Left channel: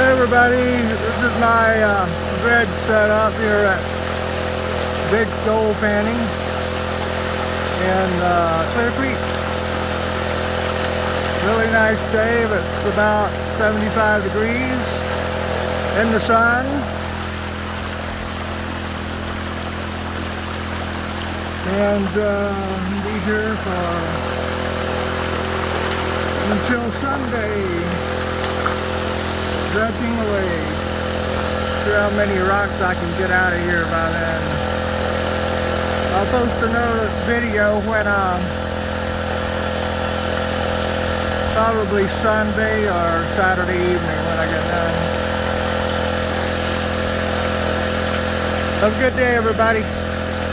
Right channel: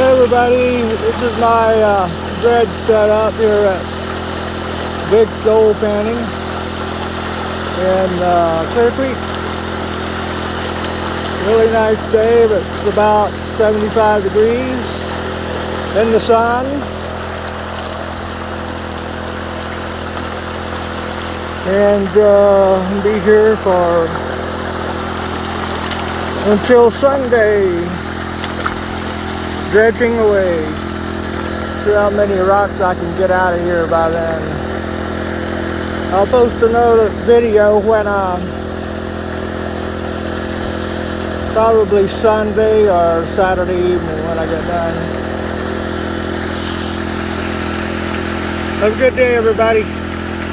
Hey everybody, this is my dredge setup here at Big Stole Panning in Clear Creek. Really nice day, but it's about 75 degrees in the sun. And I'll be here until Sunday, dredging away. See how many rocks I can get out of here by then. I'll post another video when probably Sunday or Saturday evening when I get done. Have a good day, everybody.